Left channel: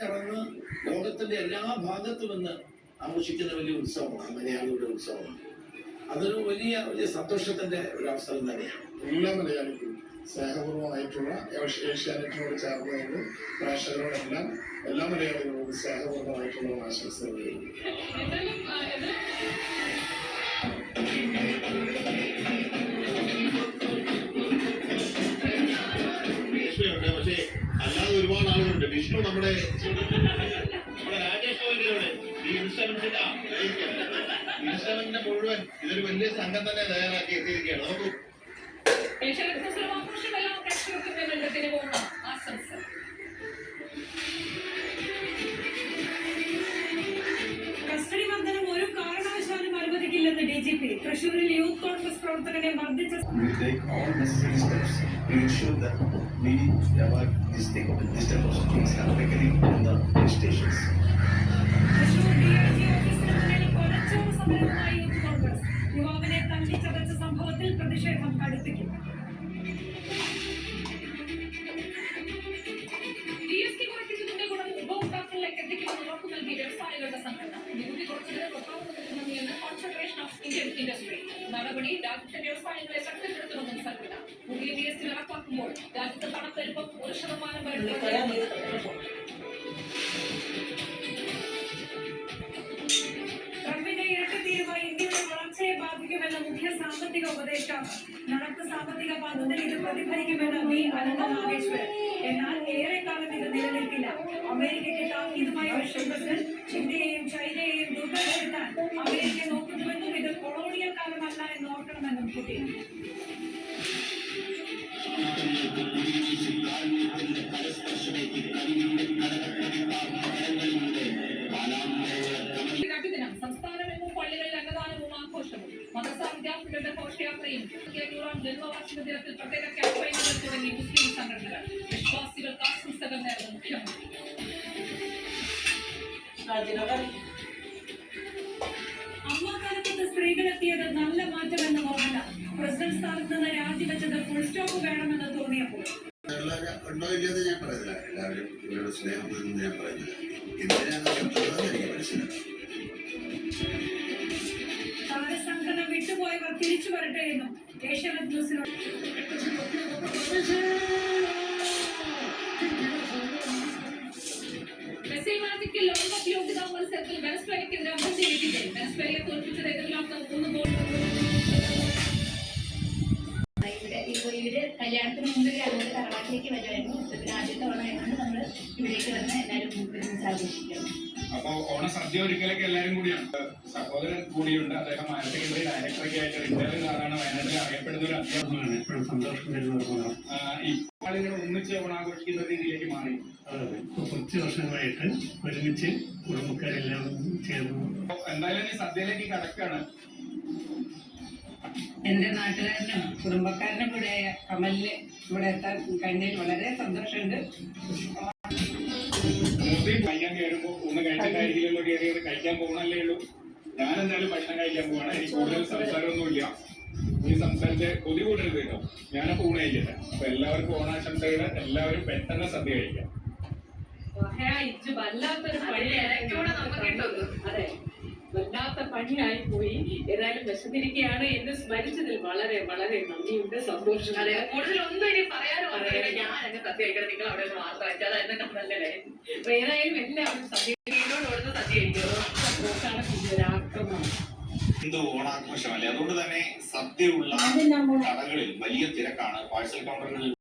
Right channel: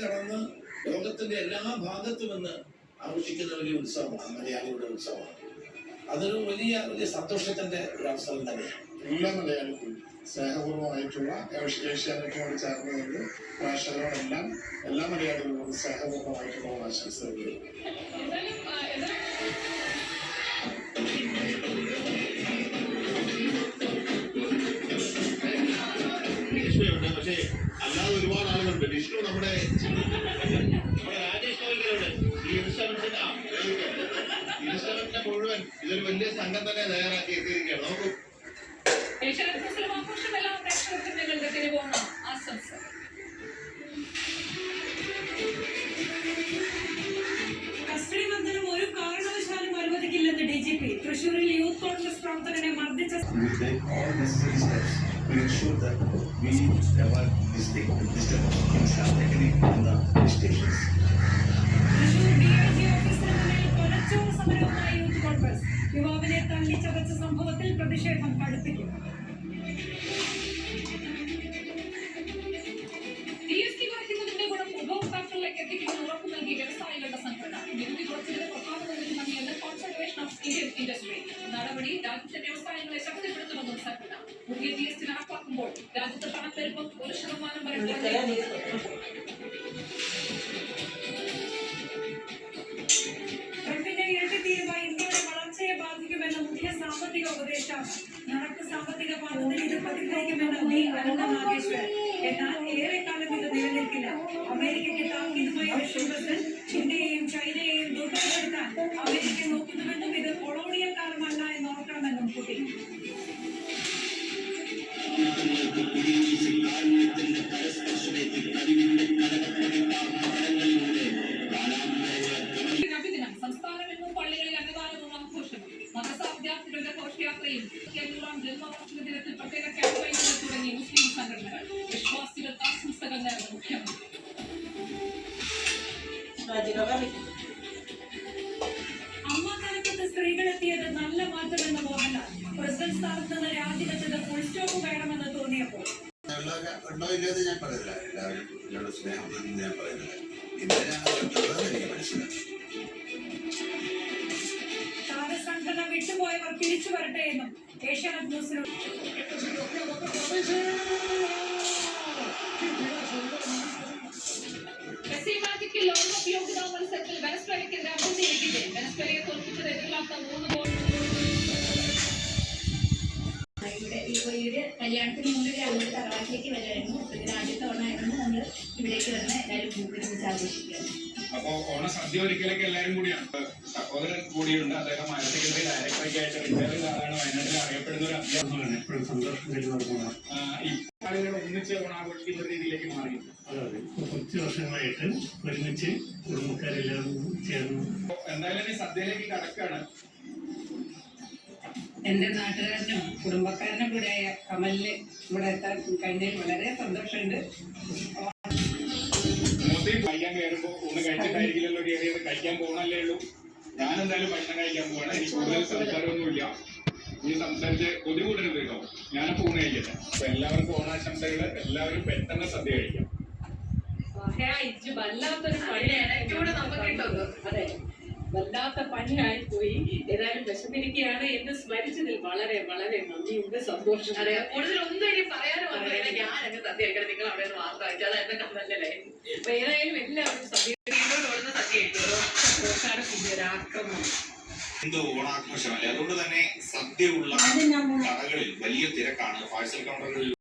കടന്ന് ലോകത്തിന്റെ എല്ലാ ഭാഗത്തും നിന്ന് ആഘോഷിക്കുന്ന വലിയ ഉത്സവമാണ് മലയാളിയുടെ ഉത്സവമാണ്. അതൊരു വലിയ വലിയ സന്തോഷത്തിന്റെ ഒരു അവസരം തന്നെയാണ്. എല്ലാ മലയാളിക്കും സ്നേഹപൂർവമായിട്ടുള്ള ഏഷ്യ- ഏഷ്യാനെറ്റിനോട് ചേർന്ന് നിന്ന് പ്രേക്ഷകരോടെല്ലാം എല്ലാ മലയാളികളോടും സ്നേഹപൂർവമായിട്ടുള്ള ആശംസകൾ വിഷ്ണു നമ്മുടെ മുഴുവൻ ഇതൊരു വലിയ സംഘം തന്നെ തയ്യാറാക്കി എത്തിയിരിക്കുകയാണ്. നമുക്ക് പ്രേക്ഷകർക്കും ആശംസ the police stations. Thrissur D I G ഓഫീസിന് മുന്നിൽ കൊലച്ചോറ് സമരവുമായി യൂത്ത് കോൺഗ്രസ് യുവാവിനെ തള്ളിച്ചതച്ച സംഭവത്തിൽ പ്രതിഷേധം കടുപ്പിക്കും രാജ്യത്തെ വ്യവസായങ്ങളെ ശക്തിപ്പെടുത്തുമെന്നും സംഘടന പുതിയ ജി എസ് ടി നടപ്പാക്കുമ്പോൾ രാജ്യത്ത് പണപ്പെരുപ്പം ഒരു ശതമാനം വരെ സാമ്പത്തിക ഉപദേഷ്ടാവ് നടപ്പ് സാമ്പത്തിക പാദത്തിൽ ഇത് പ്രതിഫലിക്കുമെന്ന് വി. അനന്ത നാഗേശ്വരൻ എന്നാൽ ഏറെക്കാലം ഇത് നിലനിൽക്കില്ല. അമേരിക്കയ്ക്ക് താക്കീതുമായി പ്രസിഡന്റ് ഇന്ത്യയെയും ചൈനയെയും ദുർബലപ്പെടുത്താൻ നബിദിനം സംസ്ഥാനമെങ്ങും പള്ളികളിൽ അന്നദാനവും ആഘോഷവും. മദ്രസ വിദ്യാർത്ഥികളുടെ ഘോഷയാത്രയും അഞ്ഞൂറാം ജന്മവാർഷിക ദിനത്തിൽ പ്രത്യേക ക്യാമ്പയിനുകൾ തുടങ്ങി മുസ്ലിം സംഘടനകൾ. വിശ്വാസികൾക്ക് ആശംസകൾ നേർന്ന മുഖ്യമന്ത്രി. അമ്മ കാലത്ത് സ്ത്രീകളെത്തിയത് നിങ്ങളുടെ സ്നേഹം എന്ന് ഞാൻ പറയുന്നത് എന്തിനാണ് വരുത്തുന്നത് എനിക്ക് മനസ്സിലാക്കി വിട്ടുപോയവർ തിരിച്ചു വരട്ടെ എന്നും ഏഷ്യാനെറ്റ് മത്സരത്തിൽ വെനസ്വേലയ്ക്കെതിരെ മൂന്ന് വിക്കറ്റ് വെനസ്വേലയെ തോൽപ്പിച്ചത് എതിരില്ലാത്ത മൂന്ന് ഗോൾ. കല്യാണത്തിന് മുമ്പ് അങ്ങോട്ട് തറവാട്ടിലേക്ക് വരുമായിരുന്നു. ഇതിന് ആദ്യത്തെ ആയതുകൊണ്ട് നമ്മൾ ഇവിടേക്ക് വന്ന് എല്ലാവരും ഒരുമിച്ച് ആഘോഷിക്കുന്നു അപ്പോ ഓണസദ്യ ഒരിക്കലൊക്കെ എല്ലാവരും കൂടിയാണ്. സഹോദരൻ കൂടിയുണ്ട്. അദ്ദേഹം സെക്കൻഡറി ഡയറക്ടറൊക്കെ ആയിട്ട് റിട്ടയർഡ് ആളാണ്. വയനാട്ടിൽ അറിയപ്പെടുന്ന ഒരു അധ്യാപകമാണ് എപ്പോഴും സന്തോഷം തരുന്ന ഈ ആളുകൾ ഒന്നിച്ച് ഓണാഘോഷിക്കുന്ന ആഘോഷിക്കുന്ന രീതിയിലേക്ക് മാറി. കുറച്ച് വർഷങ്ങളായിട്ട് ഒരുമിച്ച് കുടുംബക്കാരെല്ലാം ചേർന്നു എന്തായാലും ഈ സദ്യയിലേക്ക് കടക്കാണ് എന്റെ നാട്ടുകാരനും കുടുംബക്കാരനും കൂടെ കമലിന് ഇവിടെ എത്താൻ കഴിഞ്ഞതിൽ വളരെ സന്തോഷമുണ്ട്. കഴിക്കാൻ കയറുമ്പോ ഒന്ന് കഴിച്ചിട്ടായിരിക്കില്ലല്ലോ കയറിയത് കഴിക്കാൻ പോകണല്ലേ ഉള്ളൂ. ഞാൻ എന്തായാലും ഭക്ഷണം കഴിക്കാൻ പോവാണ്. എനിക്ക് കൂടുതൽ സംസാരമൊന്നുമില്ല. ഈ സംസാരിച്ച് കൊതി കൂടരുത് കേട്ടോ. ഞാനപ്പോ ഊണ് കഴിക്കട്ടെ. അപ്പൊ എല്ലാവർക്കും ഓണാശംസകൾ. എല്ലാവരും പെട്ടെന്ന് സദ്യ കഴിക്കാം. അതെ. വല്ലാത്ത പണിയായി പോയി. ഏതായാലും വിശന്നിരിക്കുകയാണ്. എന്ന് സ്മരിച്ചതിൽ വളരെ വളരെ നന്ദിയുണ്ട് സന്തോഷം അതെ കൂടുതൽ ഒന്നും ഇനി പറയാനും. അറിയില്ല ഞാൻ അങ്ങ് സദ്യ കഴിക്കണം നിങ്ങൾ അവിടെ നിന്ന് മാത്രം അയച്ചാൽ അതെന്നെ എന്നെ നല്ലല്ലേ അപ്പൊ ഏതായാലും എല്ലാവരും വീടിനോട് ഓടുന്ന സദ്യ കഴിക്കുമോ സന്തോഷാണ് ആക്രമണം. ഹിന്ദു ഓണാഘോഷമല്ലേ? അതുകൊണ്ട് തന്നെ സദ്യയുള്ള കടകളിൽ വലിയ തിരക്കാണ്. പാഴ്സൽ കൗണ്ടറുകളിൽ